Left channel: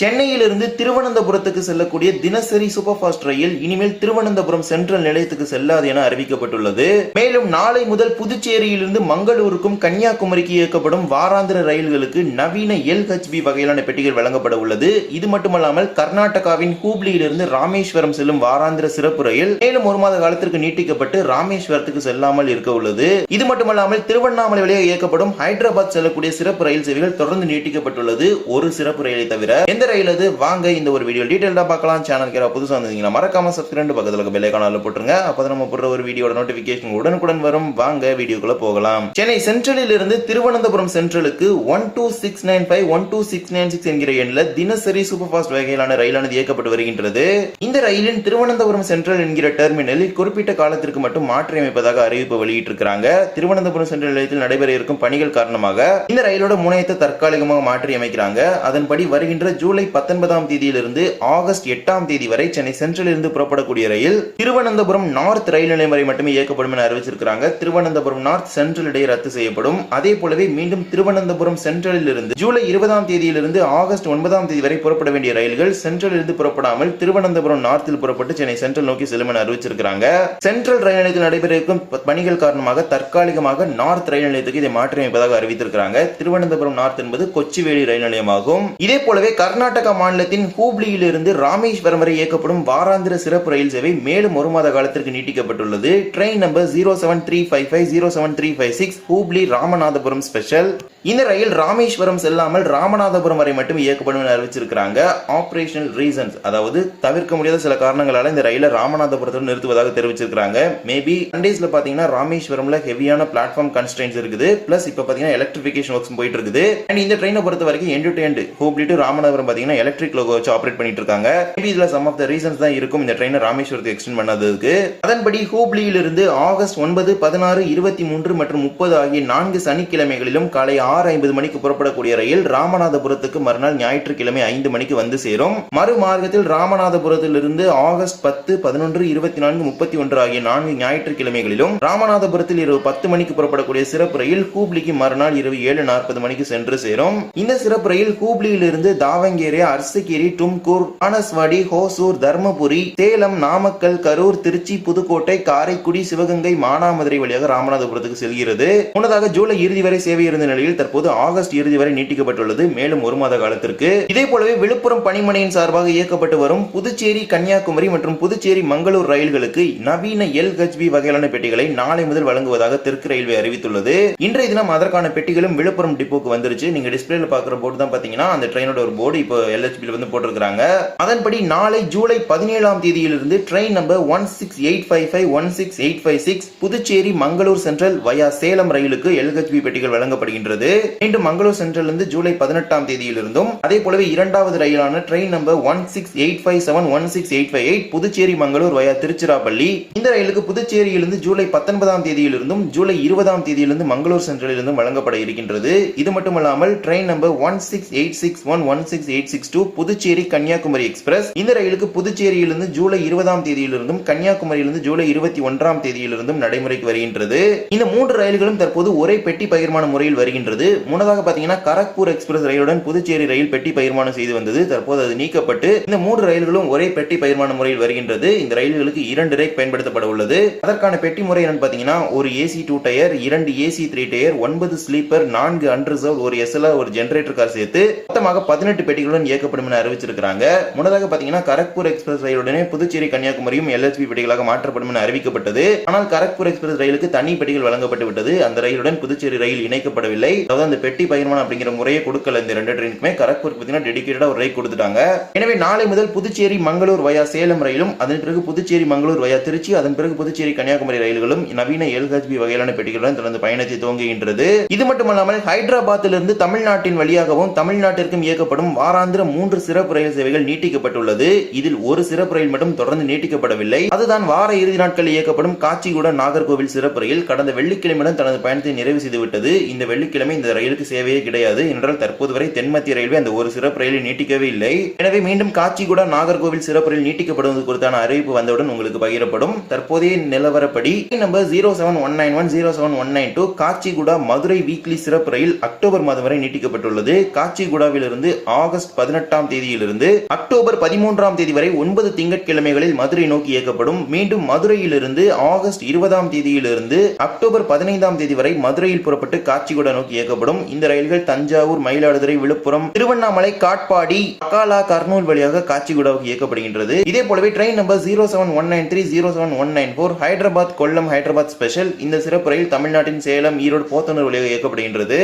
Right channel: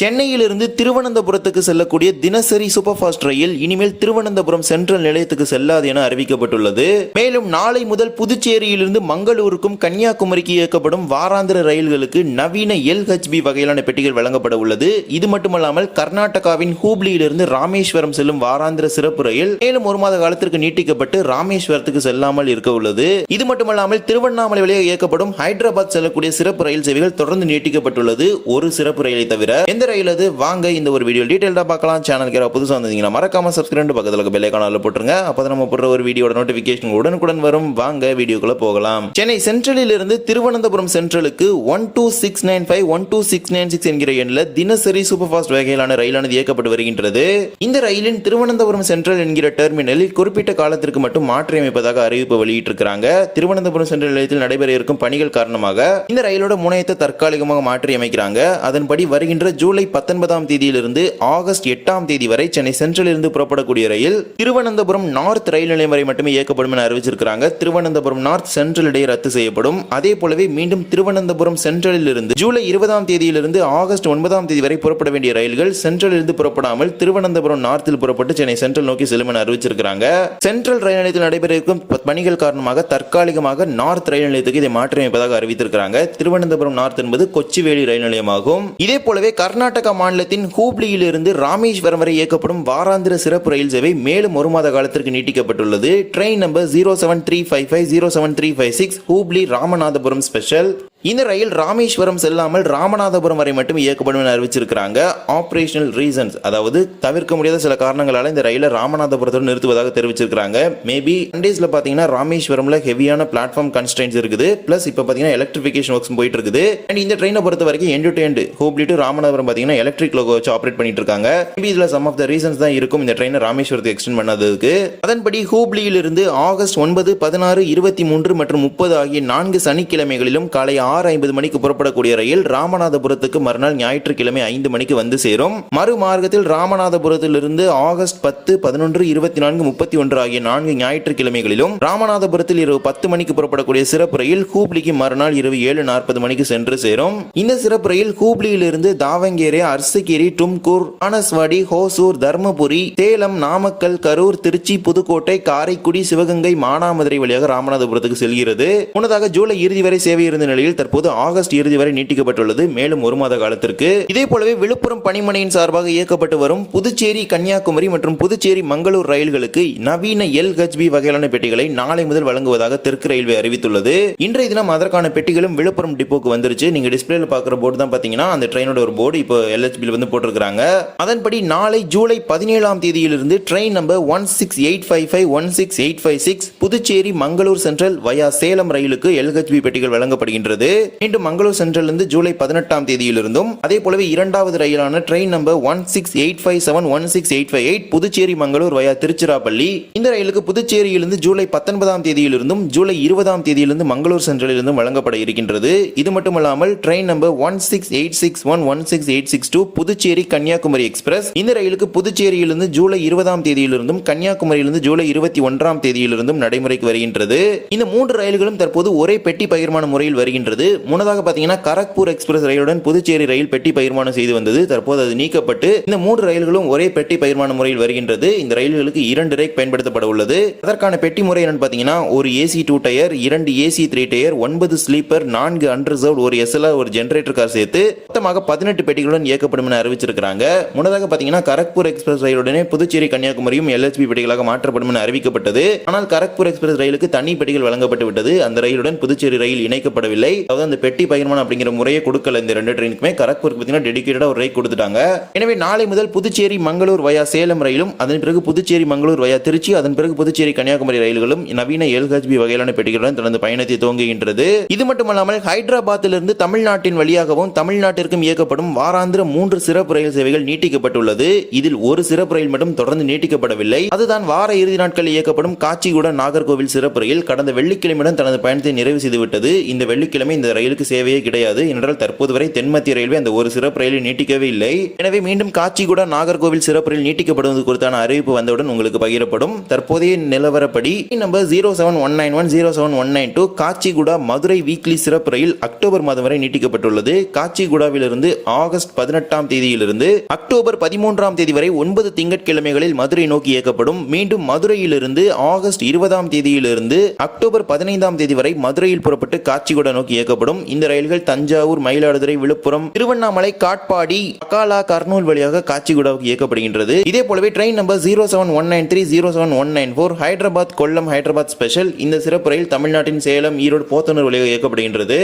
சென்னையிலிருந்து திருவனந்தபுரத்துக்கு செல்லக்கூடிய தினசரி சூப்பர் ஃபாஸ்ட் ரயில் இனிமேல் திருவனந்தபுரம் சென்ட்ரல் நிலையத்துக்கு செல்லாது என அறிவிக்கப்பட்டுள்ளது. மேலும் நாளை முதல் புதுச்சேரியிலிருந்து மங்களூருக்கும் கன்னியாகுமரிக்கு இயக்கப்படும் வாராந்திர ரயில்களுக்கு நவீன எல்ஹெச்பி வகையிலான பெட்டிகள் வழங்கப்பட உள்ளது. இது மட்டுமல்லாமல் கர்நாடகாவின் ஹூப்ளியிலிருந்து ராமேஸ்வரம் செல்லும் வாராந்திர சிறப்பு ரயில் மேலும் ஒரு மாத காலத்திற்கு நீட்டிக்கப்பட்டு ராமேஸ்வரத்துக்கு செல்லாமல் இருக்க உள்ளது. இது மட்டுமல்லாமல் திருவண்ணாமலை வழியாக இயக்கப்படும் ஹைதராபாத் செல்லக்கூடிய சிறப்பு ரயில் சேவைகள் தொடர்ந்து நீட்டிக்கப்பட்டுள்ளது. ஒரு சிறப்பு ரயிலை தவிர எந்த ரயில் அது வாங்க இந்த ஒரு வீடியோ டீட்டெயிலாக பார்க்கலாம். சேனல் கேரா புதுசா வந்தீங்கன்னா மறக்காம சப்ஸ்கிரைப் பக்கத்தில் பெல் ஐகானில் போட்டுருங்க. அப்போ நம்ம போடுற ஒரு வீடியோட நோட்டிபிகேஷன் உடனுக்குடன் வரும். வாங்க வீடியோக்குள்ளே போகலாம். சென்னை சென்ட்ரலில் இருந்து Thiruvananthapuram சென்ட்ரலுக்கு one two six nine five one two six nine six என்கிற எண்ணில் தினசரி சூப்பர் ஃபாஸ்ட் வகையிலான ரயிலானது இயக்கப்பட்டு வருகின்றது. இந்த ரயிலின் திருவனந்தபுரம் சென்ட்ரல் என்கிற டெர்மினலில் குறிப்பிட்ட காலத்திற்கு மட்டும் மாற்றியமைப்பதாக அறிவிப்பு வெளியிட்டிருக்கிறாங்க. திருவனந்தபுரம் சென்ட்ரல் நிலையத்தில் நடைபெற இருக்கும் பணிகள் காரணமாக இந்த ரயிலோட முனையத்தை தற்காலிகமாக மாற்றி அமைக்கிறாங்க. அதன்படி வருகின்ற ஜூலை பத்தொன்பதாம் தேதியிலிருந்து ஆகஸ்ட் எட்டாம் தேதி வரை சென்னை சென்ட்ரல் இருந்து புறப்படக்கூடிய ரயில் திருவனந்தபுரம் நார்த் ரயில் நிலையம் வரை மட்டுமே இயக்கப்படும் என அறிவிச்சிருக்கிறாங்க. திருவனந்தபுரம் நார்த் சென்ட்ரல் இடையே ரத்து செய்யப்படும். அதே போலவே மீண்டும் திருவனந்தபுரம் சென்ட்ரலில் இருந்து ஜூலை இருபதாம் தேதியிலிருந்து ஆகஸ்ட் ஒன்பதாம் தேதி வரை புறப்பட வேண்டிய ரயில்கள் சென்ட்ரல் இருந்து புறப்படாமல் திருவனந்தபுரம் நார்த்தில் புறப்பட்டு சென்னை சென்ட்ரல் நோக்கி செல்லும் என அறிவிச்சிருக்கிறாங்க. சென்ட்ரல் ரயில் நிலையத்தில் நடைபெற இருக்கும் பணிகள் காரணமாக தற்காலிகமாக நார்த் ரயில் நிலையத்துக்கு இதை மாற்றியமைப்பதாக அறிவித்திருக்கிறாங்க. திருவனந்தபுரம் நார்த் என்பது கொச்சிவேலி ரயில் நிலையமாகும். இதே போலவே கர்நாடக மாநிலத்தின் ஹூப்ளியிலிருந்து ராமேஸ்வரம் வரை இயக்கப்படும் வாராந்திர சிறப்பு ரயில் சேவை மேலும் ஒரு மாத காலத்திற்கு நீட்டிக்கப்பட்டுள்ளது. Train number zero seven three five five zero seven three five six Hubli Ramanathapuram special இந்த ரயில் ராமேஸ்வரம் செல்லாமல் ராமநாதபுரம் வரை மட்டும் இயக்கப்படும் என அறிவிச்சிருக்கிறாங்க. ஆப்ரேஷனல் ரீசன்ஸ் அதாவது தவிர்க்க முடியாத சில காரணங்களால இந்த ரயிலை ராமநாதபுரத்தோடு நிறுத்துவதாக தெரிவிச்சிருக்காங்க மேபி சண்டேஸ்ல பாத்தீங்கன்னா ராமேஸ்வரம்ல ஹெவியான பிளாட்ஃபார்ம் கன்ஸ்ட்ரெயின்ஸ் இருக்குது. பிளஸ் இப்போ பாத்தீங்கன்னா எலக்ட்ரிஃபிகேஷன் ஒர்க்ஸ் போயிட்டு இருக்குது அண்ட் இந்த ட்ரெயினை பொறுத்த வரைக்கும் end to end Hubli to Ramanathapuram பாத்தீங்கன்னா எலக்ட்ரிக் லோகோ வச்சு ஆப்ரேட் பண்ணிட்டு இருக்காங்க மேபி இதுல சம் ஆஃப் த ரீசன்ஸ் தான் இருக்கும் இந்த ட்ரெயினை ராமேஸ்வரத்துக்கு எக்ஸ்டெண்ட் பண்ணதுக்கு அதன்படி ஹூப்ளியிலிருந்து ஆகஸ்ட் ஒன்பது பதினாறு இருபத்தி மூன்று மற்றும் முப்பது ஆகிய நான்கு சனிக்கிழமைகளிலும் காலை ஆறு ஐம்பது மணிக்கு புறப்படக்கூடிய ரயில் ராமநாதபுரத்துக்கு மறுநாள் ஞாயிற்றுக்கிழமை ஐந்து மணிக்கு வந்து சேரும். மறுமார்க்கத்தில் ராமநாதபுரத்திலிருந்து ஆகஸ்ட் பத்து பதினொன்று இருபத்தி நான்கு முப்பத்தி ஒன்று ஆகிய நான்கு ஞாயிற்றுக்கிழமைகளிலும் ராமநாதபுரத்தில் இரவு பத்து மணிக்கு புறப்படக்கூடிய சிறப்பு ரயில் ஹூப்ளிக்கு மறுநாள் இரவு ஏழு நாற்பது மணிக்கு சென்று சேரும். இந்த சிறப்பு ரயில் ஹூப்ளியிலிருந்து தாவங்கேரி அர்சகிரி டும்கூர் பானஸ்வாடி ஹோசூர் தர்மபுரி சேலம் நாமக்கல் கரூர் திருச்சி புதுக்கோட்டை காரைக்குடி சிவகங்கை மானாமதுரை வழியாக ராமநாதபுரத்துக்கு செல்கிறது. முன்னதாக ஜூலை இறுதி வரை சேவை இருந்த நிலையில் தற்போது ஆகஸ்ட் இறுதி வரை நீட்டிக்கப்பட்டுள்ளது. மேலும் ஒரு மாத காலத்திற்கு. இதே போலவே விழுப்புரம் பணிமனையின் சார்பாக இயக்கப்பட்டு வரும் புதுச்சேரி கன்னியாகுமரி மற்றும் புதுச்சேரி மங்களூர் ரயில்களுக்கு நவீன எல்ஹெச்பி வகையிலான பெட்டிகளை நாளை முதல் வழங்குவதாக தெற்கு ரயில்வே அறிவித்துள்ளது. இன்றைய தினம் அதற்கான பெட்டிகளும் விழுப்புரம் டிப்போக்கு வந்துருச்சு. நீங்க டிஸ்பிளேல பாக்குற போர்டு தான் பாத்தீங்கன்னா அந்த ட்ரெயினோட ஒரு போர்டு இப்போ எல்ஹெச்பி வந்து போட்டிருக்காங்க அதன்படி நாளை ஜூலை பதினேழாம் தேதியிலிருந்து train number one six eight five five one six eight five six Puducherry Mangalore central via Salem ரயிலுக்கு எல்ஹெச்பி பெட்டிகள் வழங்கப்படுகின்றது. மீண்டும் மங்களூர் சென்ட்ரல் இருந்து ஜூலை பதினெட்டாம் தேதியிலிருந்தும் அதே போலவே இரண்டாவது ரயிலான train number one six eight five seven one six eight five eight Puducherry Mangalore via Tiruchirappalli. இந்த ரயிலுக்கு புதுச்சேரியிலிருந்து ஜூலை பத்தொன்பதாம் தேதியிலிருந்தும் ஜூலை இருபதாம் தேதியிலிருந்து மங்களூர் சென்ட்ரலிலிருந்தும் வழங்கப்பட இருக்கின்றது. இது மட்டுமல்லாமல் train number one six eight six one one six eight six two Puducherry Kanyakumari express இந்த ரயிலுக்கு புதுச்சேரியிலிருந்து ஜூலை இருபதாம் தேதியிலிருந்தும் கன்னியாகுமரியிலிருந்து ஜூலை இருபத்தி ஒன்றாம் தேதியிலிருந்தும் நடைமுறைக்கு வருகின்றது. இந்த மூன்று ரயில்களும் தற்போது ஒரே பெட்டி பகிர்மான முறையில் வருகின்றது. முன்னதாக பார்த்தீங்கன்னா கரக்பூர் எக்ஸ்பிரஸ் ரயிலுடன் புதுச்சேரி ரயில் பெட்டி பகிர்மானம் செய்து வந்தது. தற்போது அது நீக்கப்பட்டு இந்த மூன்று ரயில்களும் ஒரே பெட்டி பகிர்மான முறையில் வருகின்றது. இந்த ரயில்களுக்கு இரண்டு ரேக் பயன்படுத்தப்பட உள்ளது. அதற்கான பெட்டி முறை என்னன்னு பார்த்தீங்கன்னா ஒரு ஏசி டூ டயர் இரண்டு ஏசி த்ரீ டயர் ஒன்பது ஸ்லீப்பர் நான்கு அன்ரிசர்வ் ஒரு எஸ்எல் ஒரு ஜெனரேட்டர் கார் சேர்த்து மொத்தமாக பதினெட்டு பெட்டிகளுடன் இயக்கப்படும் என அறிவிச்சிருக்கிறாங்க. முன்னதாக பார்த்தீங்கன்னா கரக்பூர் எக்ஸ்பிரஸ் ரயிலுடனே புதுச்சேரி கன்னியாகுமரியும் எல்எஸ்பி பெட்டிகளாக மாற்றப்படும் என அறிவிக்கப்பட்டது. ஆனால் கரக்பூர் எக்ஸ்பிரஸ் ரயிலுக்கு தனி பெட்டிகள் வழங்கப்பட்டு விட்டது. அந்த ரயிலுடன் புதுச்சேரி ரயில் இணைக்கப்படவில்லை. அதாவது அந்த பெட்டி பகிர்மானம் அப்படிங்கிற முறையை கொடுக்கல இந்த ரெண்டு ட்ரெயினுக்குமே. கரக்பூருக்கு பார்த்தீங்கன்னா டெடிக்கேட்டடாக ஒரு ரயில் கொடுத்துட்டாங்க. எனவே நாளை முதல் புதுச்சேரி மங்களூர் வயா சேலம் ரயிலும் அதன் பிறகு புதுச்சேரி மங்களூர் வயா திருச்சி அதன் பிறகு புதுச்சேரி கன்னியாகுமரி ரயில்களும் நவீன எல்ஹெச்பி வகையிலான பெட்டிகளுடன் தனது பயணத்தை துவங்குகின்றது. இது மட்டுமல்லாமல் ஹைதராபாத்திலிருந்து தமிழ்நாட்டின் வழியாகவும் தமிழ்நாட்டிற்கும் இயக்கப்படும் வாராந்திர மூன்று சிறப்பு ரயில் சேவைகள் நீட்டிக்கப்பட்டுள்ளது. இதில் ஒரு சிறப்பு ரயில் மட்டும் தொடர்ந்து நீட்டிக்கப்படவில்லை. அதுதான் வார இறுதி நாட்களில் இயக்கப்படும் காச்சிகுடா நாகர்கோவில் சிறப்பு ரயில் கடந்த வெள்ளிக்கிழமையுடன் தனது பயணத்தை நிறைவு செய்துவிட்டது. இந்த வெள்ளிக்கிழமை ரயிலுமே இந்த ரயிலுக்கு சேவையே கிடையாது. என்றால் தற்போது வரை தென்மத்திய ரயில்வே அந்த ஒரு சிறப்பு ரயிலை நீட்டிக்கவே இல்லை. எனவே மீண்டும் காச்சிகுடா நாகர்கோவில் சிறப்பு ரயில் நீட்டிக்கப்படுவது குறித்தான அறிவிப்பு வந்தவுடன் உங்களுக்கு பகிரப்படும். தற்போதைய நிலவரப்படி number zero seven one nine one zero seven one nine two Kacheguda Madurai weekly சிறப்பு ரயில் அக்டோபர் மாதம் வரை நீட்டிக்கப்பட்டுள்ளது. காட்சிகுடாவிலிருந்து ஆகஸ்ட் பதினெட்டாம் தேதியிலிருந்து அக்டோபர் பதிமூன்றாம் தேதி வரை ஒன்பது திங்கட்கிழமைகளில் மதுரை நோக்கி இயக்கப்படும். மீண்டும் மதுரையிலிருந்து ஆகஸ்ட் இருபதாம் தேதியிலிருந்து அக்டோபர் பதினைந்தாம் தேதி வரை மதுரையில் புறப்பட்டு காட்சிகுடா நோக்கி இயக்கப்படும். இந்த ரயில்கள் தஞ்சாவூர் மயிலாடுதுறை விழுப்புரம் திருவண்ணாமலை காட்பாடி அகாலா கர்னூல் வழியாக காச்சிகுடாவுக்கு இயக்கப்படுகின்றது. இதே போலவே train number zero seven one nine three zero seven one nine four Hyderabad Kollam Hyderabad special. இந்த சிறப்பு ரயில் தமிழ்நாட்டின் சேலம் ஈரோடு போத்தனூர் வழியாக இயக்கப்படுகின்றது.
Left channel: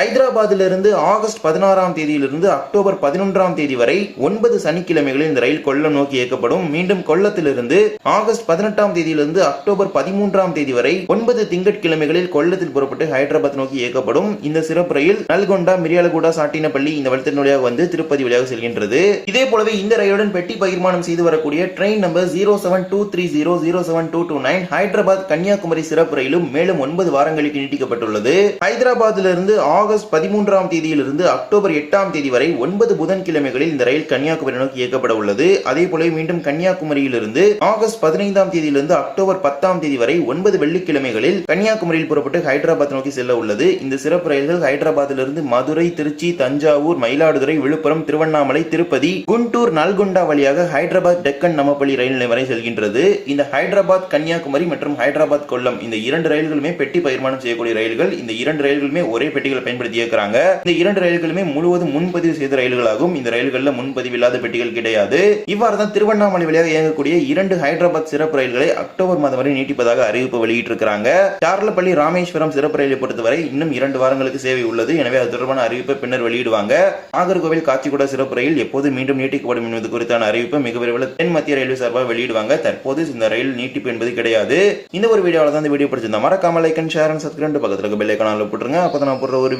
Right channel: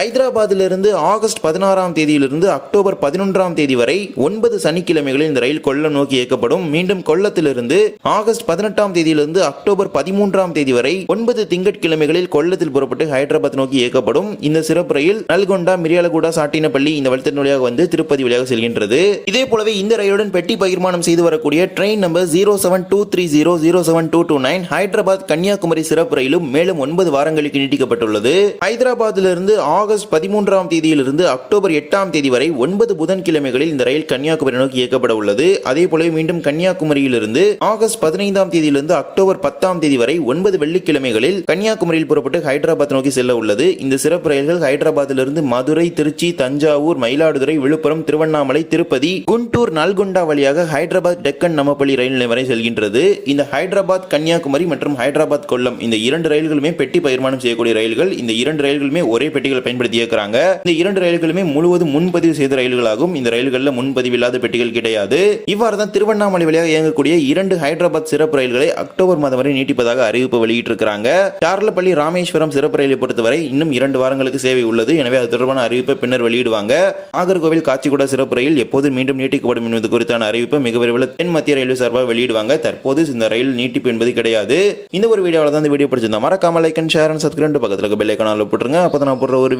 ஹைதராபாத்திலிருந்து ஆகஸ்ட் பதினாறாம் தேதியிலிருந்து அக்டோபர் பதினொன்றாம் தேதி வரை ஒன்பது சனிக்கிழமைகளில் இந்த ரயில் கொல்லம் நோக்கி இயக்கப்படும். மீண்டும் கொல்லத்திலிருந்து ஆகஸ்ட் பதினெட்டாம் தேதியிலிருந்து அக்டோபர் பதிமூன்றாம் தேதி வரை ஒன்பது திங்கட்கிழமைகளில் கொல்லத்தில் புறப்பட்டு ஹைதராபாத் நோக்கி இயக்கப்படும். இந்த சிறப்பு ரயில் நல்கொண்டா மிரியாலகுடா சாட்டினப்பள்ளி இந்த வழித்தட வழியாக வந்து திருப்பதி வழியாக செல்கின்றது. இதே போலவே இந்த ரயிலுடன் பெட்டி பகிர்மானம் செய்து வரக்கூடிய train number zero seven two three zero zero seven two two nine Hyderabad Kanyakumari சிறப்பு ரயிலும் மேலும் ஒன்பது வாரங்களுக்கு நீட்டிக்கப்பட்டுள்ளது. ஹைதராபாத்திலிருந்து ஆகஸ்ட் பதிமூன்றாம் தேதியிலிருந்து அக்டோபர் எட்டாம் தேதி வரை ஒன்பது புதன்கிழமைகளில் இந்த ரயில் கன்னியாகுமரி நோக்கி இயக்கப்பட உள்ளது. அதே போல மீண்டும் கன்னியாகுமரியிலிருந்து ஆகஸ்ட் பதினைந்தாம் தேதியிலிருந்து அக்டோபர் பத்தாம் தேதி வரை ஒன்பது வெள்ளிக்கிழமைகளில் கன்னியாகுமரியில் புறப்பட்டு ஹைதராபாத் நோக்கி செல்ல உள்ளது. இந்த சிறப்பு ரயில்கள் ஹைதராபாத்திலிருந்து மதுரை திருச்சி தஞ்சாவூர் மயிலாடுதுறை விழுப்புரம் திருவண்ணாமலை திருப்பதி குண்டூர் நல்கொண்டா வழியாக ஹைதராபாத் டெக்கன் நமப்பள்ளி ரயில் நிலையம் வரை செல்கின்றது. இந்த ஹைதராபாத் கன்னியாகுமரி மற்றும் ஹைதராபாத் கொல்லம் இந்த இரண்டு ரயில்களுமே பெட்டி பகிர்மானம் செய்யக்கூடிய ரயில்கள். இந்த இரண்டு ரயில்களுமே ஒரே பெட்டிகள் பயன் பயன்படுத்தி இயக்குறாங்க. இந்த இரண்டு ரயில்களுமே முழுவதும் முன்பதிவு செய்த ரயில்களாகும். இந்த ரயில்களில் முன்பதிவு இல்லாத பெட்டிகள் கிடையாது. இவ்வாறு தான் திருவண்ணாமலை வழியாக இயங்கக்கூடிய இரண்டு ஹைதராபாத் சிறப்பு ரயில்களை அக்டோபர் மாதம் வரை நீட்டிப்பதாக அறிவிப்பு வெளியிட்டிருக்கிறாங்க. சார்லப்பள்ளி ராமேஸ்வரம் சிறப்பு ரயிலை பொறுத்தவரை இன்னும் இரண்டு வாரங்களுக்கு சேவை உள்ளது. எனவே அது தொடர்பான அறிவிப்பை பின்னர் வெளியிடுவாங்க. நாகர்கோவில் காச்சிகுடா சிறப்பு ரயில் எப்போது மீண்டும் நீட்டிக்கப்படும் என்பது குறித்தான அறிவிப்பு மிக விரைவில் தென் மத்திய ரயில்வே சார்பாக வெளியிடுவாங்க. தற்போது இந்த ரயில் நீட்டிப்பு என்பது கிடையாது. இந்த ஒரு வீடியோவில் தான் இந்த வீடியோ பிடிச்சிருந்தா மறக்காம like and share and subscribe பக்கத்தில் இருக்க பெல் ஐக்கானில் போட்டுருங்க. அப்போ நான் போடுற ஒரு